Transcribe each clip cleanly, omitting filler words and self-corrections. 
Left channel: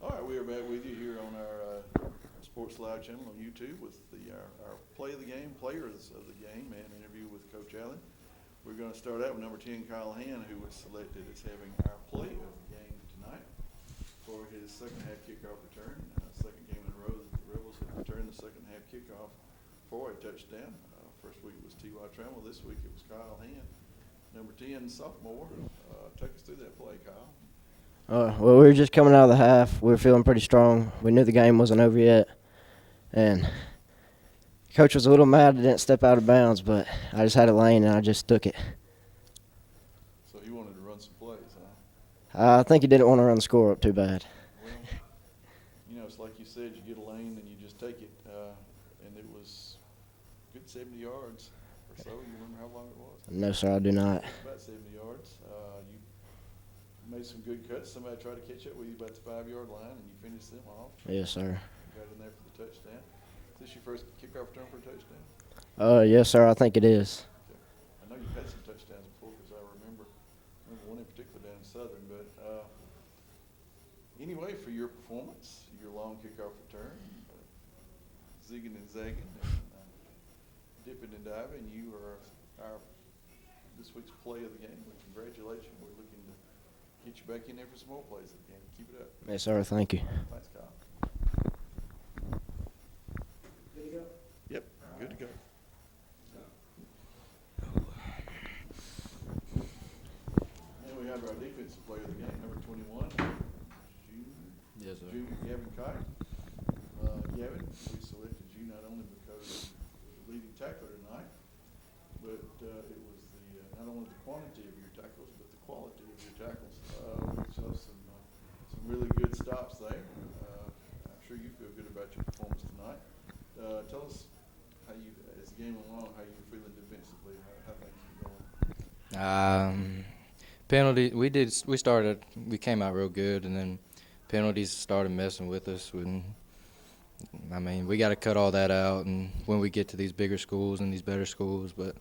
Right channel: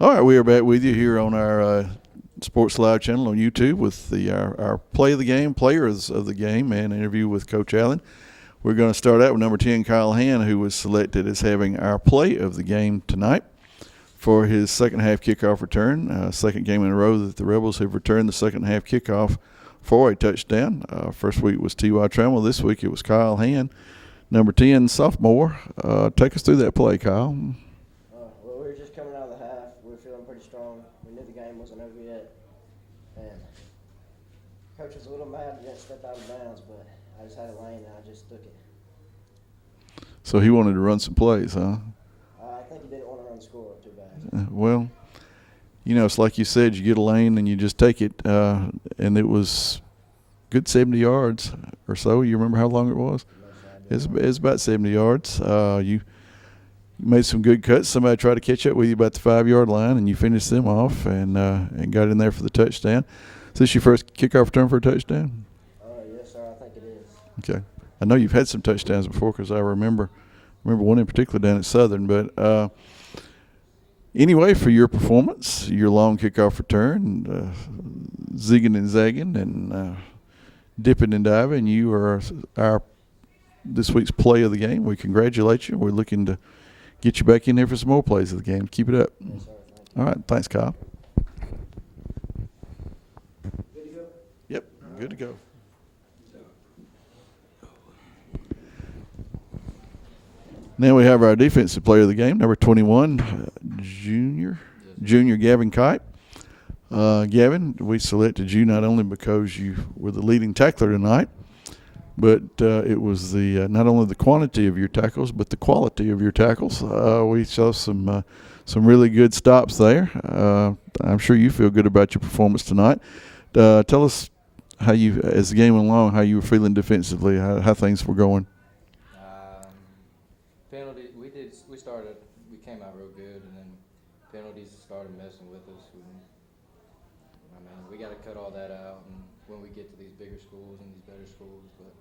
All right, we are back with you here on our Sports Live channel on YouTube with our play of the game, players of the game, and interview with Coach Allen. We're going to start out with number 10, Kyle Hand, who was selected as having our play of the game tonight for his second half kickoff return. Second game in a row that the Rebels have returned the second half kickoff for a touchdown. First week was T.Y. Trammell. This week it was Kyle Hand, number 10, sophomore. Take us through that play, Kyle. Well, we were just coming out of the half. We were feeling pretty strong. We knew the game wasn't over yet. And Coach was a little mad I didn't step out of bounds, but I just had a lane and I just took it. So he wanted to run some plays, huh? I think he didn't want to run the score up too bad. Well, you know, it's like you said, you get a lane and you just take it. And it was good 70 yards or so. You remember how long it was? No, sir, I do not. It's about 70 yards. You made some good cuts. Somebody tried to catch up with you about the 5-yard line, and you finished them off and got in there for the touchdown. Is this your first kickoff return for a touchdown? Yes, sir, I think it is. Okay. I know you've had some touchdowns before because I remember one in particular down at Southern. But anyway, for your performance, your long kickoff return, zigging and zagging and dipping and diving, you are our this week's play of the game. We congratulate you. We're looking to get you back in there for some more plays of the game. Keep it up. Yes, sir. Thank you. All right. Thanks, Kyle. Yep. Good to go. Now we have our defensive player of the game, number 21, junior Gavin Kite. Gavin, we selected you not only because you were the leading tackler tonight, but it was the not only the quantity of your tackles, but the quality of your tackles. We saw some really good stops there. I'm sure you feel good about your performance tonight. Tell us how you, as the game went along, how you were feeling defensively, how things were going. Penalty. We came out real good, and then penalties started messing with us. We got to cut all that out, and when we get to these bigger schools and these better schools, but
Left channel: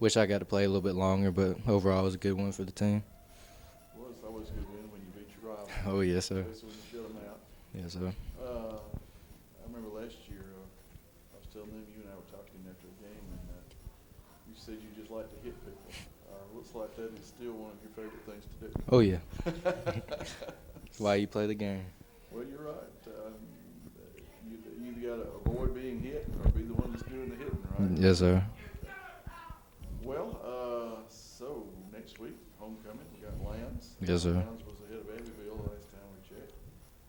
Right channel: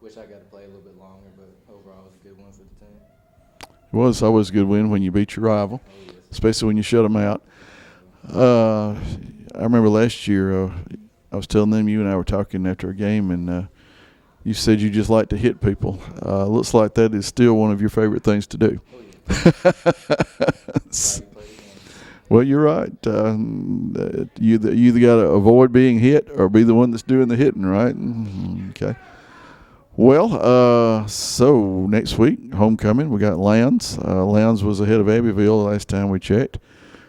wish I got to play a little bit longer, but overall it was a good win for the team. It was always a good win when you beat your rival. Oh, yes, sir. Especially when you shut them out. Yes, sir. I remember last year I was telling them, you and I were talking after a game, and you said you just like to hit people. Looks like that is still one of your favorite things to do. Oh, yeah. That's why you play the game. Well, you're right. You either got to avoid being hit or be the one that's doing the hitting, right? Yes, sir. Okay. Well, so next week, homecoming, we got Lowndes. Yes, Lowndes was ahead of Abbeville the last time we checked.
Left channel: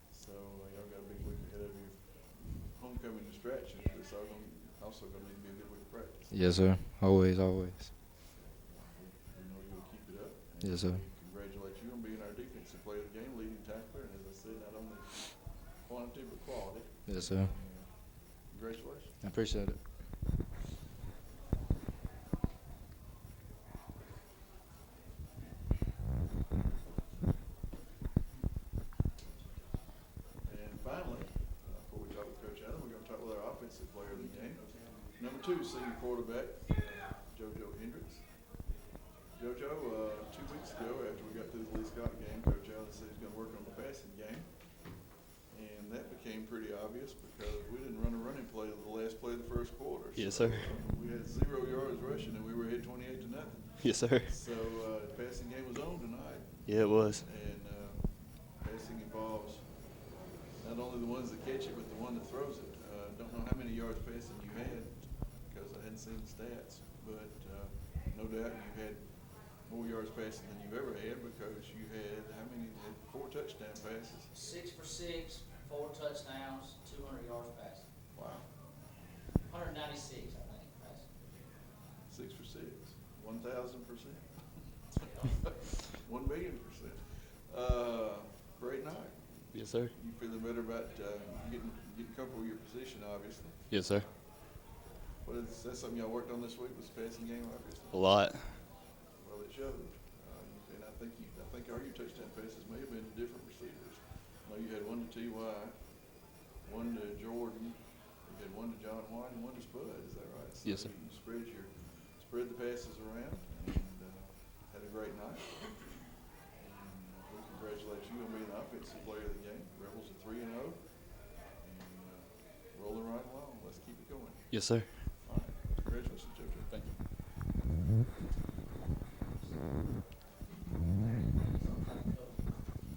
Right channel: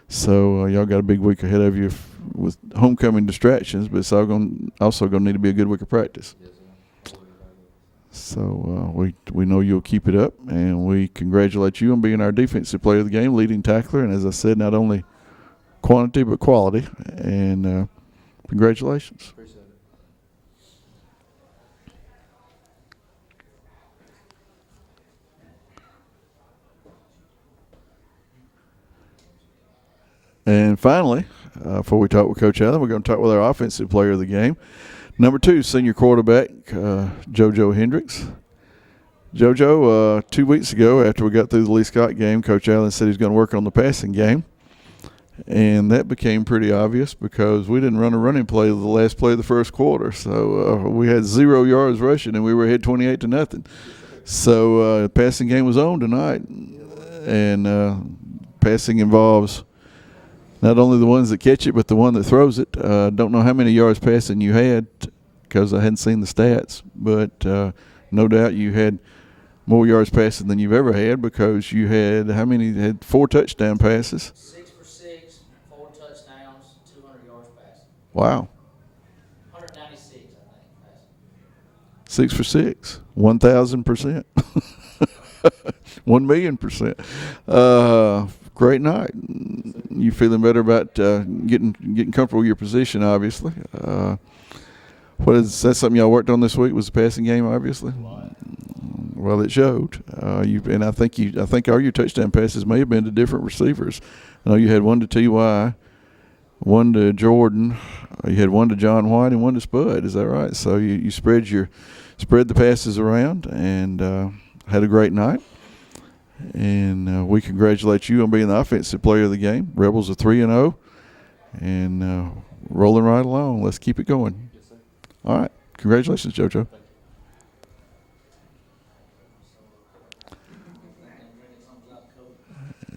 So y'all got a big week ahead of you with homecoming distractions, but it's also going to need to be a good week of practice. Yes, sir. Always. So we know you'll keep it up, and Yes, we congratulate you on being our defensive player of the game, leading tackler, and as I said, not only quantity but quality. Yes, sir. And congratulations. Appreciate it. And finally, before we talk with Coach Allen, we're going to talk with our offensive player of the game. Number 2, senior quarterback, Jojo Hendrix. Jojo, 2 weeks ago after we got through the Lee Scott game, Coach Allen said he's going to work on the passing game. And that became pretty obvious because we didn't run a running play the last play of the first quarter. So we had 0 yards rushing, and we were ahead 28-0. Yes, sir. So passing game was on tonight. Yeah, it was. And passing involves not only the ones that catch it, but the one that throws it. Don't know how many yards passing you had because I hadn't seen the stats, but no doubt you had more yards passing than you've ever had because you had how many? You had 4 touchdown passes. 6 for 6, 4 touchdowns, 200 yards passing. Wow. 196, I think, passing. 6 for 6, 1,000%, 1,000,000%. Great night. Yes, sir. You feeling better about getting comfortable with your position, obviously. Yes, sir. Is that something y'all worked on this week? Was the passing game, obviously? A lot. Well, it showed. And I think all your touchdown passes may have been to different receivers. I know you had one to T.Y., one to Jordan, you had one to John White, and one to Spud. Is that right? So you spread the passes around and had a great night. And we congratulate you on being the offensive player of the game. Rebels are 3-0 and rolling right along. Let's keep it going. Yes, sir. All right. Congratulations, JoJo.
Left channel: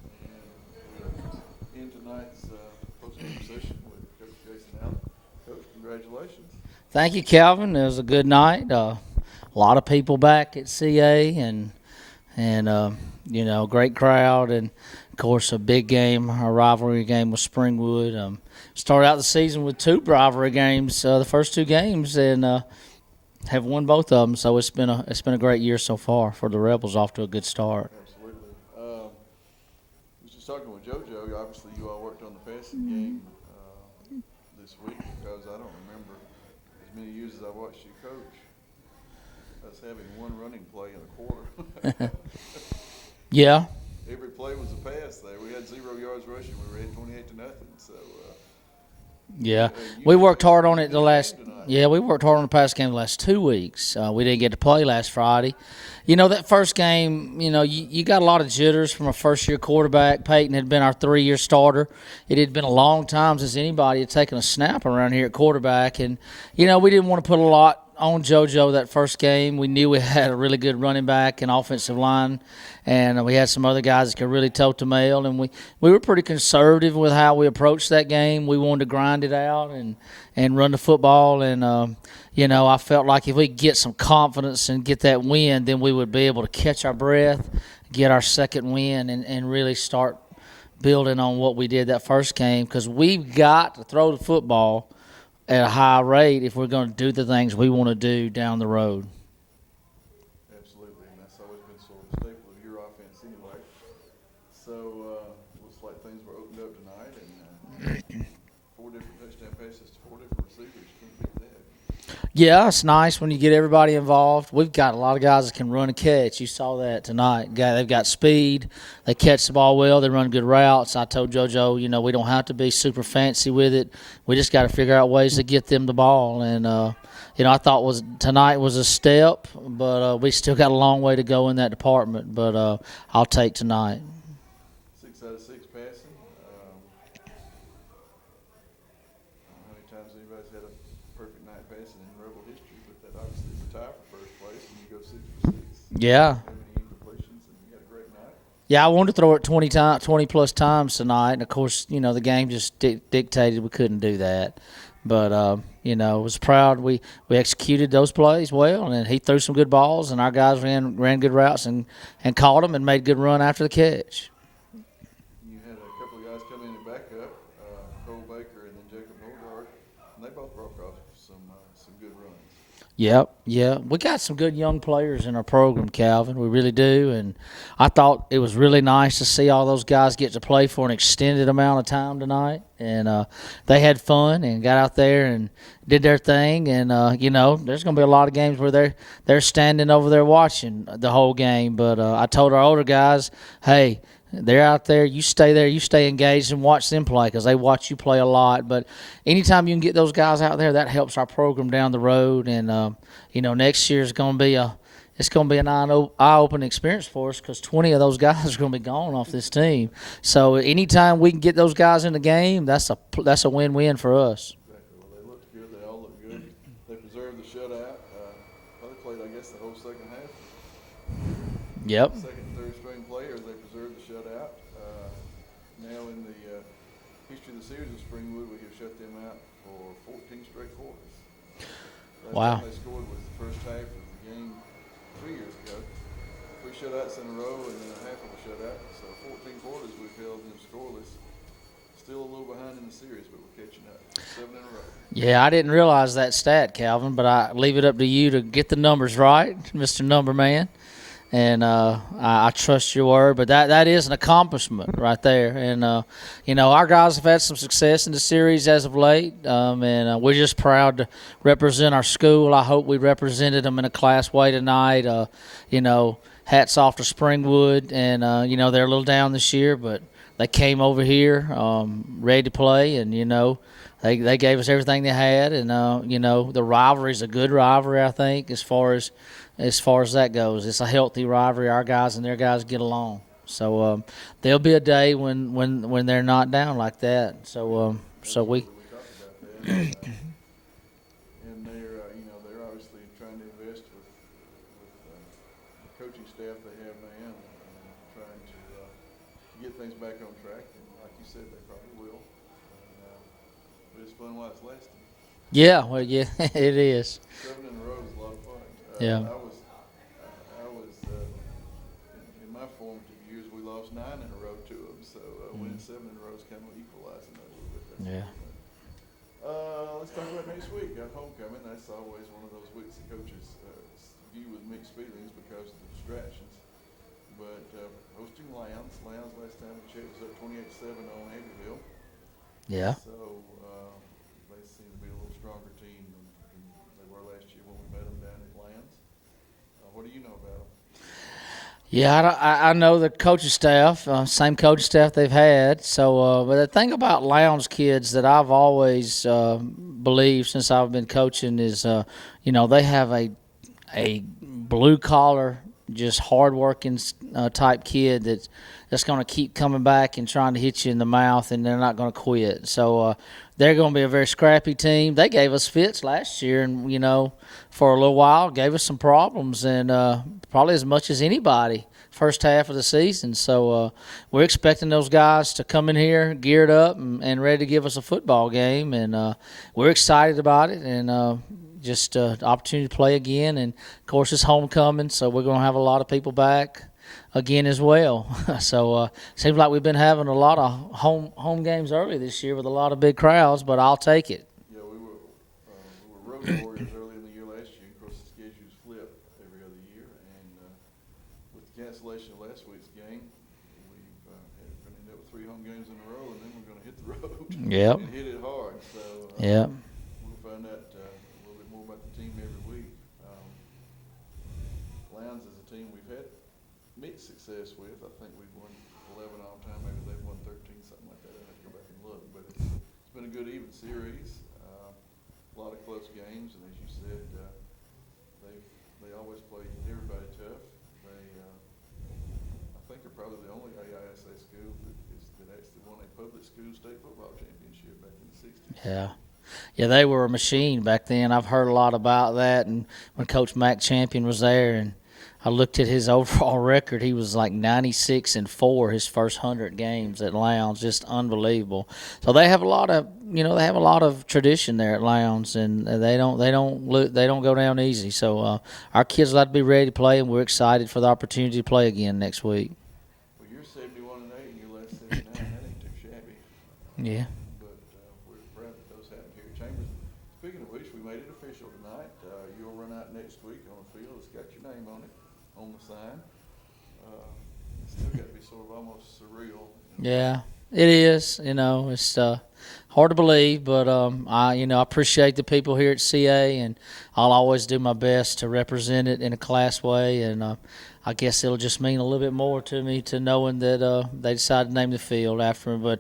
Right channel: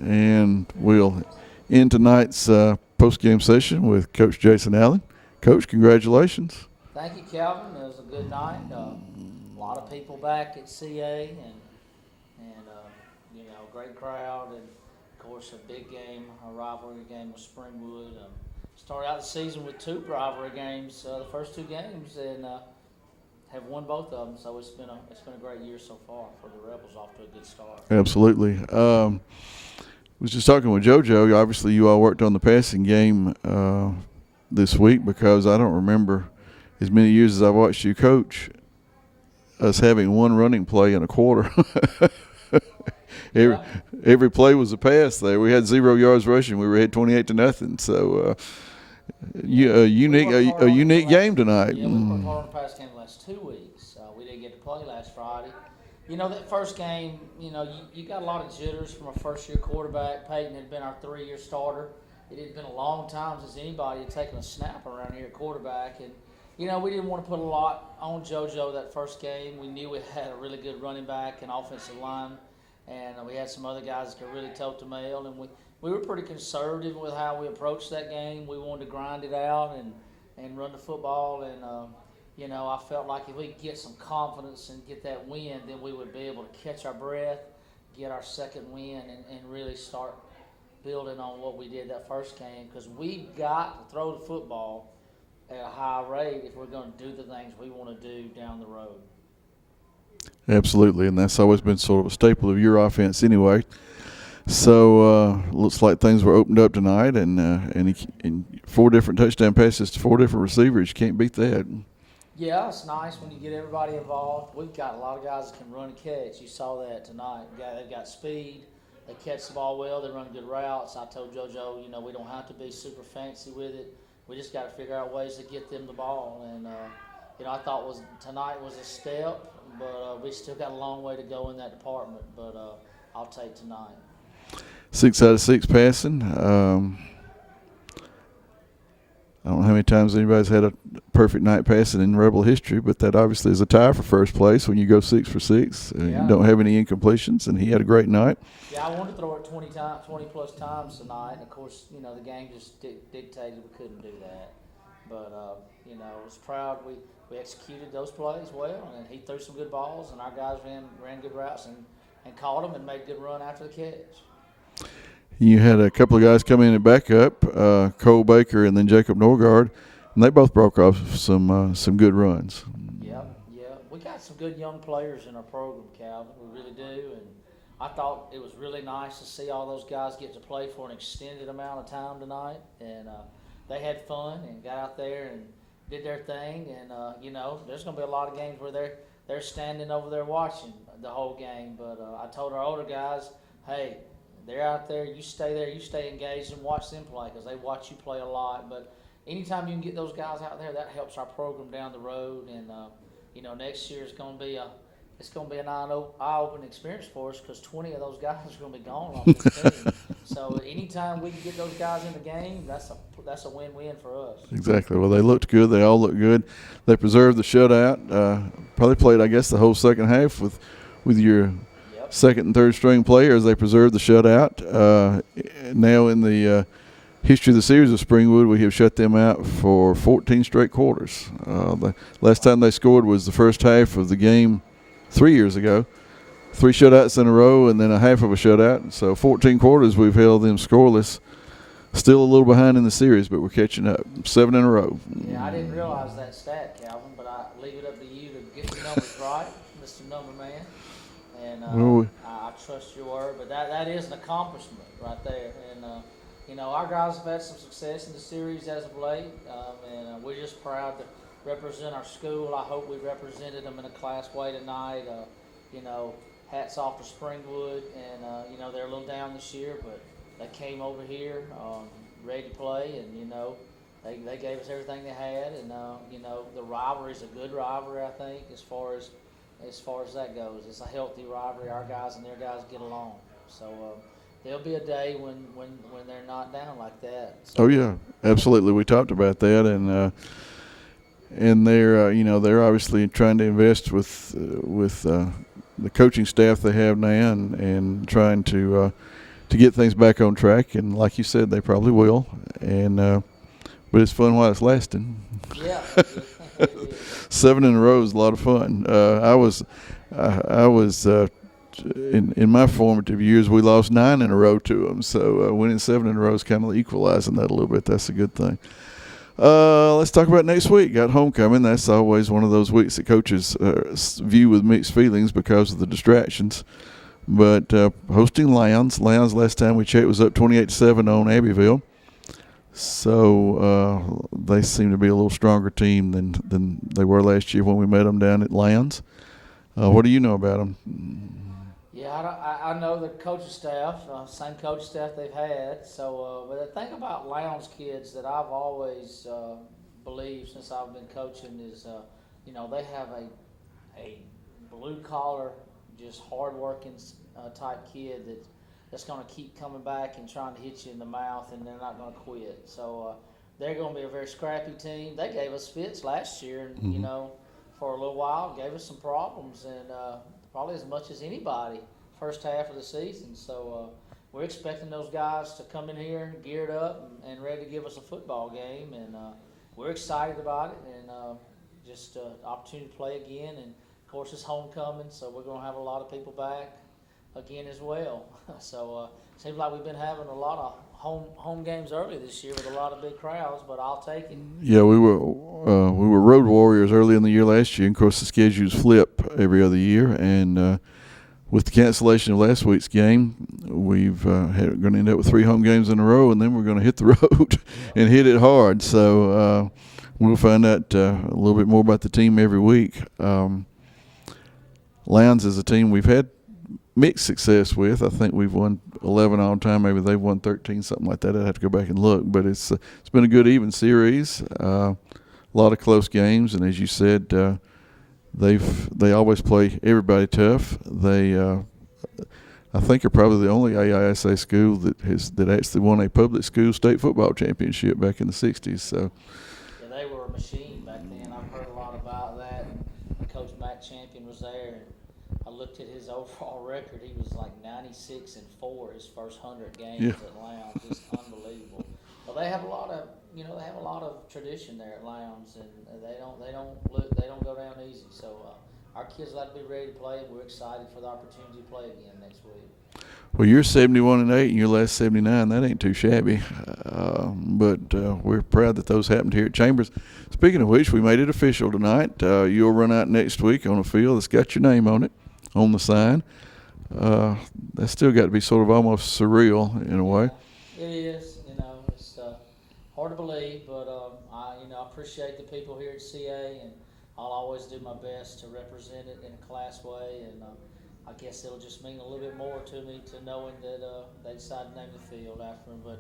And we'll end tonight's post-game session with Coach Jason Allen. Coach, congratulations. Thank you, Calvin. It was a good night. A lot of people back at CA and great crowd. And, of course, a big game, a rivalry game with Springwood. Started out the season with 2 rivalry games, the first 2 games, and have won both of them. So it's been a great year so far for the Rebels, off to a good start. Absolutely. Was just talking with JoJo. Obviously, you all worked on the passing game this week, because I don't remember as many years as I've watched you coach us having one running play in a quarter. Yeah. Every play was a pass there. We had 0 yards rushing. We were ahead 28-0. So, we worked hard on it. Unique game tonight. Yeah, we worked hard on the pass game the last 2 weeks. We didn't get to play last Friday. That first game, you got a lot of jitters from a first-year quarterback. Peyton had been our 3-year starter. It had been a long time since anybody had taken a snap around here at quarterback. And, we didn't want to put a lot on JoJo that first game. We knew we had a really good running back and offensive line, and we had some other guys that could really tote the mail. And we were pretty conservative with how we approached that game. We wanted to grind it out and run the football. And, I felt like if we could get some confidence and get that win, then we would be able to catch our breath, get our second win, and really start building on what we did that first game, because we've got to throw the football at a high rate if we're going to do the things we want to do down the road. Absolutely, and that's always been sort of a staple of your offense anyway. So looks like things were opened up tonight, and 4 different touchdown passes to 4 different receivers. You can't beat that. Yeah, it's nice when you get everybody involved. We've got a lot of guys that can run and catch. You saw that tonight. They've got speed. They catch the ball well. They run good routes. I told JoJo, we don't have to be super fancy with it. We just got to figure out ways to get them the ball. And, I thought tonight was a step, but we still got a long way to go in that department. But I'll take tonight. 6 out of 6 passing. I don't know how many times anybody's had a perfect night passing in Rebel history, but that obviously is a tie for first place when you go 6 for 6. Yeah. You don't have any incompletions, and he had a great night. Yeah, I wanted to throw it 20-plus times tonight, and, of course, the game just dictated we couldn't do that. But, I was proud we executed those plays well, and he threw some good balls, and our guys ran good routes and caught them and made good run after the catch. You had a couple of guys come in and back up, Cole Baker and then Jacob Norgard, and they both broke off some good runs. Yep, yeah. We got some good young players in our program, Calvin. We really do. And I thought it was really nice to see all those guys get to play for an extended amount of time tonight. And they had fun and got out there and did their thing. And, there's going to be a lot of games where they're standing over there watching the whole game. But I told our older guys, hey, they're out there. You stay there. You stay engaged and watch them play, because they watch you play a lot. But anytime you can get those guys out there, that helps our program down the road. And next year is going to be an eye-opening experience for us, because 20 of those guys are going to be gone off this team. So anytime we can get those guys in the game, that's a win-win for us. Exactly. Well, they looked good. They all looked good. They preserved the shutout. Probably played, I guess, the whole second half with your second and third string players. They preserved the shutout. Now in the history of the series of Springwood, we have shut them out for 14 straight quarters. The last time they scored was the first half of the game 3 years ago. 3 shutouts in a row and then a half of a shutout. So 14 quarters we've held them scoreless. Still a little behind in the series, but we're catching up. 7 in a row. Yeah, I didn't realize that stat, Calvin, but I leave it up to you to get the numbers right, Mr. Number Man. And I trust your word, but that is an accomplishment right there. And, our guys have had some success in the series as of late, and we're just proud to represent our school. I hope we represented them in a class way tonight. Hats off to Springwood, and, they're a little down this year, but they came over here ready to play, and, they gave us everything they had. And, the rivalry is a good rivalry, I think, as far as that goes. It's a healthy rivalry. Our guys and their guys get along. So there'll be a day when they're not down like that. So, Oh yeah, absolutely. We talked about that, and they're obviously trying to invest with the coaching staff they have now, and trying to get things back on track. And like you said, they probably will. And but it's fun while it's lasting. Yeah, well, yeah, it is. 7 in a row is a lot of fun. Yeah. I was in my formative years, we lost 9 in a row to them. So winning 7 in a row is kind of equalizing that a little bit. That's a good thing. Let's talk about next week. Got homecoming. That's always one of those weeks that coaches view with mixed feelings because of the distractions. But hosting Lowndes. Lowndes, last time we checked, was up 28-7 on Abbeville. Yeah. So they seem to be a little stronger team than they were last year when we met them down at Lowndes. What do you know about them? Yeah, I know the coaching staff, same coaching staff they've had. So, but the thing about Lowndes kids that I've always believed since I've been coaching is, they have a blue collar, just hardworking type kid that's going to keep coming back and trying to hit you in the mouth, and they're not going to quit. So they're going to be a very scrappy team. They gave us fits last year, and for a little while gave us some problems, and probably as much as anybody first half of the season. So we're expecting those guys to come in here geared up and ready to give us a football game, and we're excited about it, and just opportunity to play again. And of course it's homecoming, so we're going to have a lot of people back again as well. So seems like we've been having a lot of home games early this year with a lot of big crowds, but I'll take it. Yeah, we were road warriors early in the year last year. And of course, the schedules flip every other year, and with the cancellation of last week's game, we've going to end up with 3 home games in a row, and then we're going to hit the road and hit it hard. So we'll find out a little bit more about the team every week. Lowndes is a team we've had mixed success with. I think we've won 11 all time. Maybe they've won 13, something like that. I'd have to go back and look. But it's been a good even series. A lot of close games, and as you said, they always play everybody tough. They I think are probably the only AISA school that actually won a public school state football championship back in the 60s. Yeah. So. Yeah, they were a machine back then. I've heard a lot about that, and when Coach Mack Champion was there, and I looked at his overall record. He was like 96-4 his first 100 games at Lowndes, just unbelievable. So they have a lot of tradition there at Lowndes, and they don't go down easy. So our kids like to be ready to play, and we're excited for the opportunity to play again next week. Well, you're 71-8, and your last 79. That ain't too shabby. But we're proud that those happened here at Chambers. Speaking of which, we made it official tonight. You'll run out next week on a field that's got your name on it, on the sign. That's still got to be sort of almost surreal in a way. Yeah, it is. It's hard to believe, but I appreciate the people here at CA, and I'll always do my best to represent it in a class way. And I guess it'll just mean a little bit more to me to knowing that they decided to name the field after me. But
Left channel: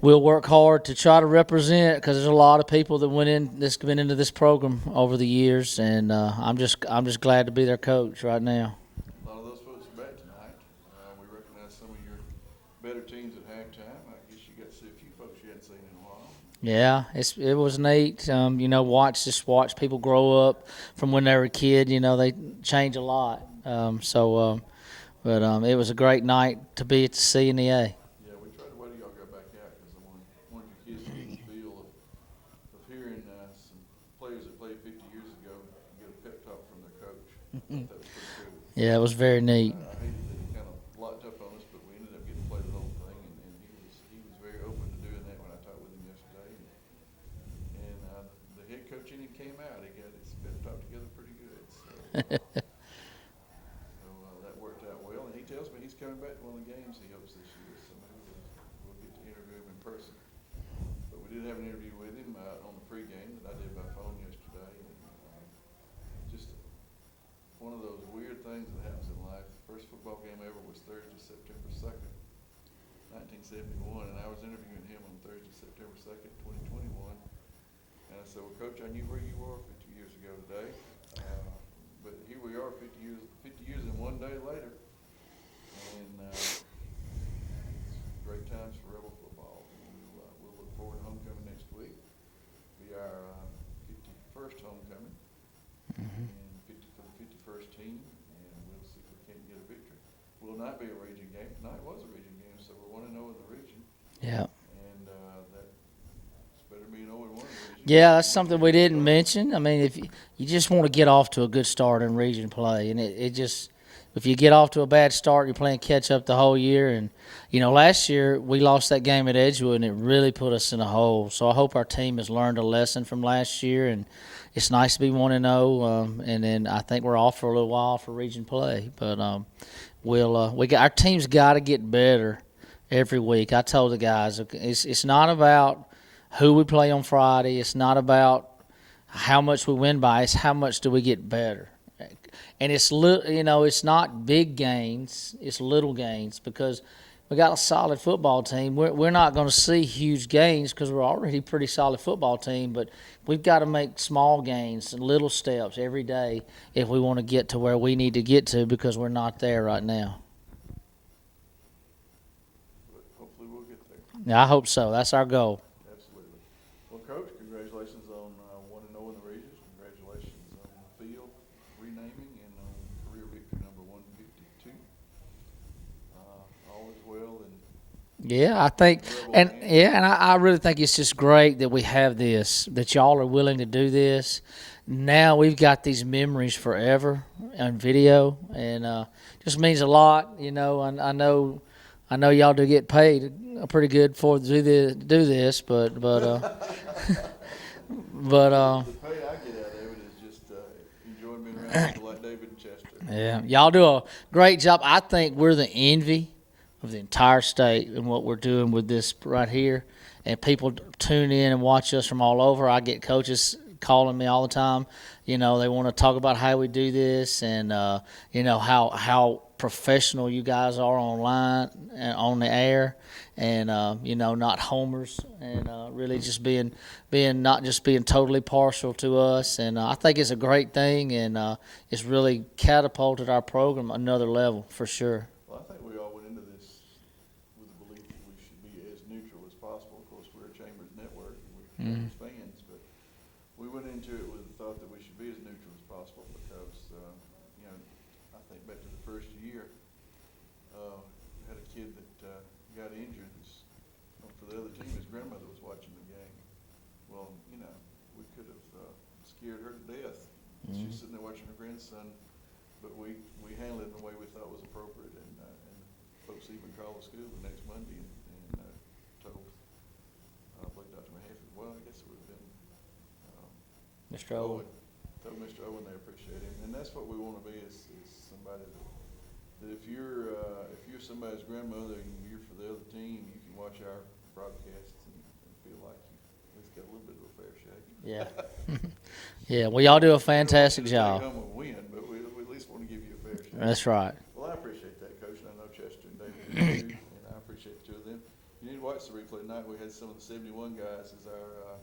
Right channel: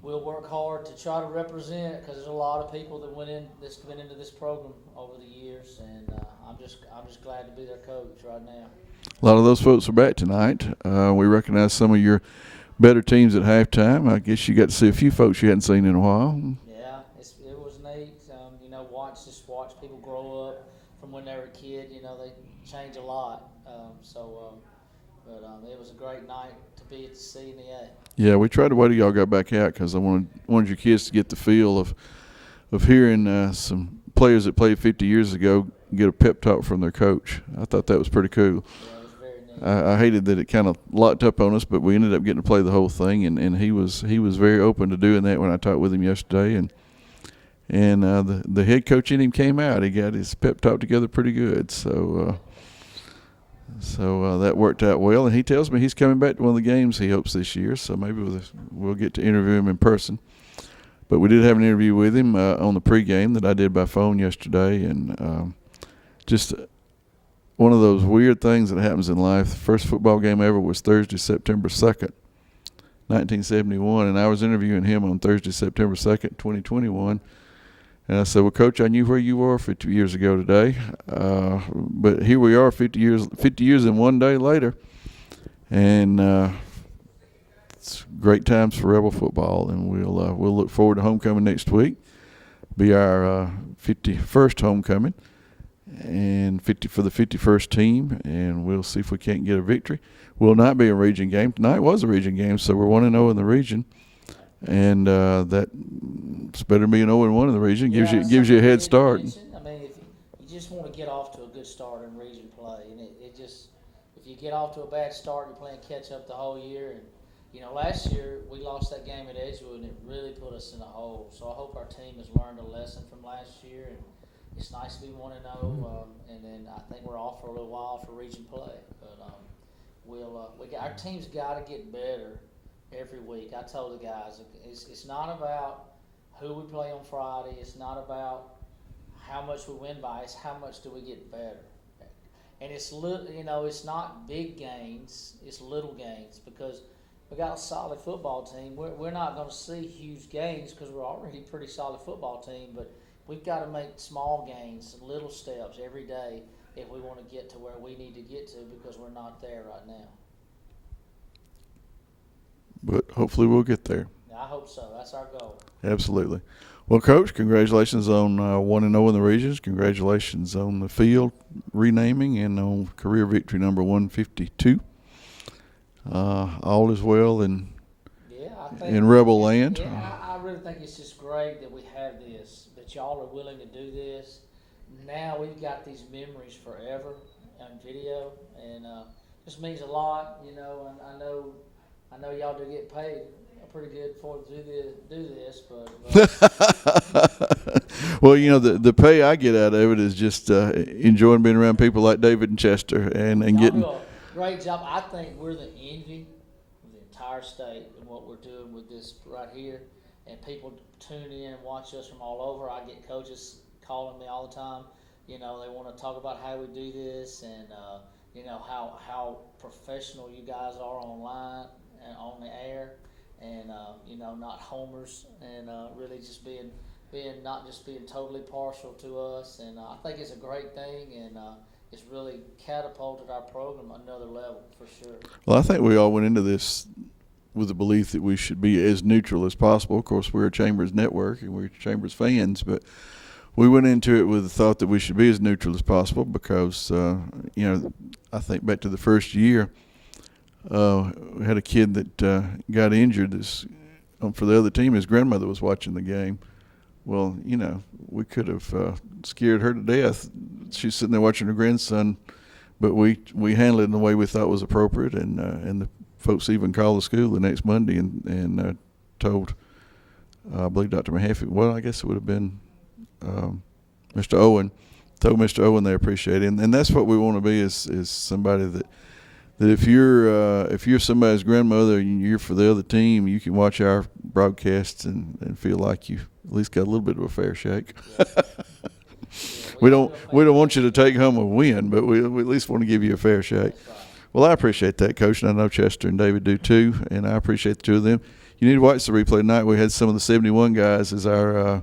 we'll work hard to try to represent, because there's a lot of people that been into this program over the years, and I'm just glad to be their coach right now. A lot of those folks are back tonight. We recognize some of your better teams at halftime. I guess you got to see a few folks you hadn't seen in a while. Yeah, it was neat. Watch people grow up from when they were a kid. They change a lot. But it was a great night to be at the C and the A. Yeah, we tried to wait till y'all got back out, because I wanted your kids to get the feel of hearing some players that played 50 years ago get a pep talk from their coach. I thought that was pretty cool. Yeah, it was very neat. I hated that it kind of locked up on us, but we ended up getting to play the whole thing, and he was very open to doing that when I talked with him yesterday, and the head coach in him came out. He got his pep talk together pretty good, so. So that worked out well, and he tells me he's coming back to one of the games he hopes this year, so maybe we'll get to interview him in person. But we did have an interview with him on the pregame that I did by phone yesterday, and just one of those weird things that happens in life. The first football game ever was Thursday, September 2nd, 1971, and I was interviewing him on Thursday, September 2nd, 2021. And I said, well, Coach, I knew where you were 50 years ago today, but here we are 50 years and one day later, And it's great times for Rebel football, and we'll look forward to homecoming next week. Be our 51st homecoming, and 50 for the 51st team, and we'll see if we can't get a victory. Will not be a region game. Tonight was a region game, so we're 1-0 in the region. Yeah. And that's better than being 0-1 in the region. Yeah, gives you a head start. Mention. I mean, if you just want to get off to a good start in region play, and it just if you get off to a bad start, you're playing catch up the whole year. And last year we lost that game at Edgewood, and it really put us in a hole. So I hope our team has learned a lesson from last year, and it's nice to be 1-0. And then I think we're off for a little while for region play, but our team's got to get better every week. I told the guys it's not about who we play on Friday. It's not about how much we win by. It's how much do we get better. And it's it's not big gains. It's little gains because we got a solid football team. We're not going to see huge gains because we're already a pretty solid football team. But we've got to make small gains and little steps every day if we want to get to where we need to get to because we're not there right now. But hopefully we'll get there. Yeah, I hope so. That's our goal. Absolutely. Well, Coach, congratulations on 1-0 in the regions. Congratulations on the field renaming and on career victory number 152. All is well in Rebel land. Yeah, and I really think it's just great that we have this, that y'all are willing to do this. Now we've got these memories forever on video, and just means a lot. I know y'all do get paid pretty good for do this, but well, the pay I get out of it is just enjoying being around people like David and Chester. Yeah. And y'all do a great job. I think we're the envy of the entire state and what we're doing with this right here. And people tune in and watch us from all over. I get coaches calling me all the time. They want to talk about how we do this and how professional you guys are online and on the air, and not homers, and really just being not just being totally partial to us. And I think it's a great thing, and it's really catapulted our program another level for sure. Well, I think we all went into this with the belief that we should be as neutral as possible. Of course, we're a Chambers network and we're Chambers fans, but we went into it with the thought that we should be as neutral as possible because, I think back to the first year, we had a kid that got injured for the other team. His grandmother was watching the game. Well, we could have scared her to death. She's sitting there watching her grandson, but we handled it in the way we thought was appropriate, and the folks even called the school the next Monday and told, I believe, Dr. Mahaffey, well, I guess it would have been Mr. Owen, told Mr. Owen they appreciate it, and that's what we want to be is somebody that if you're somebody's grandmother and you're for the other team, you can watch our broadcasts and feel like you at least got a little bit of a fair shake. Yeah, yeah, we all do a fantastic job. We don't want you to take home a win, but we at least want to give you a fair shake. That's right. Well, I appreciate that, Coach, and I know Chester and David do too, and I appreciate the two of them. You need to watch the replay tonight. We had some of the 71 guys as our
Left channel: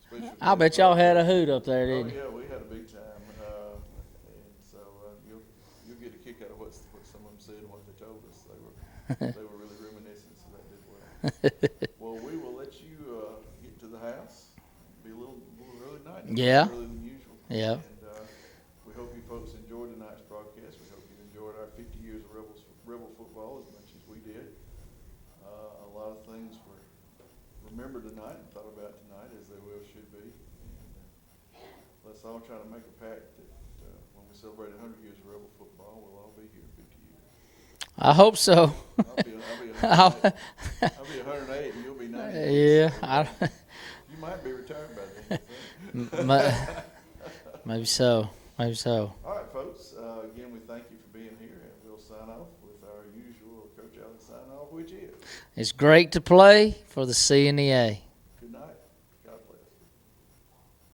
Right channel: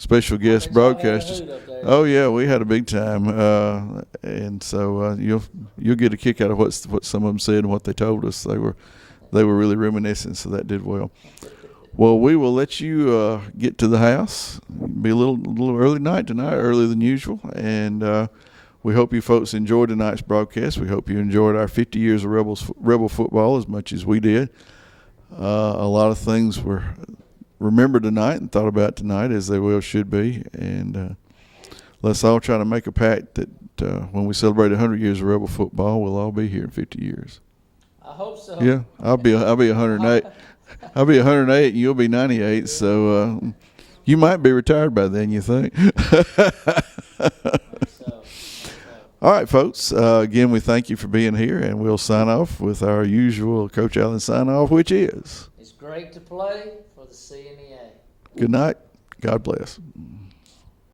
special guest I bet y'all had a broadcasters. hoot up there. Oh yeah, we had a big time, and so you'll get a kick out of what some of them said and what they told us. They were really reminiscent, so that did well. Well, we will let you get to the house. Be a little early night tonight, earlier than usual, and we hope you folks enjoyed tonight's broadcast. We hope you enjoyed our 50 years of Rebel football as much as we did. A lot of things were remembered tonight and thought about tonight, as they well should be. And let's all try to make a pact that when we celebrate 100 years of Rebel football, we'll all be here in 50 years. I hope so. Yeah, I'll be 108. I'll be 108, and you'll be 98. Yeah, so you might be retired by then. You think? Maybe so. All right, folks. Again, we thank you for being here, and we'll sign off with our usual Coach Allen sign off, which is: it's great to play for the C and the A. Good night. God bless.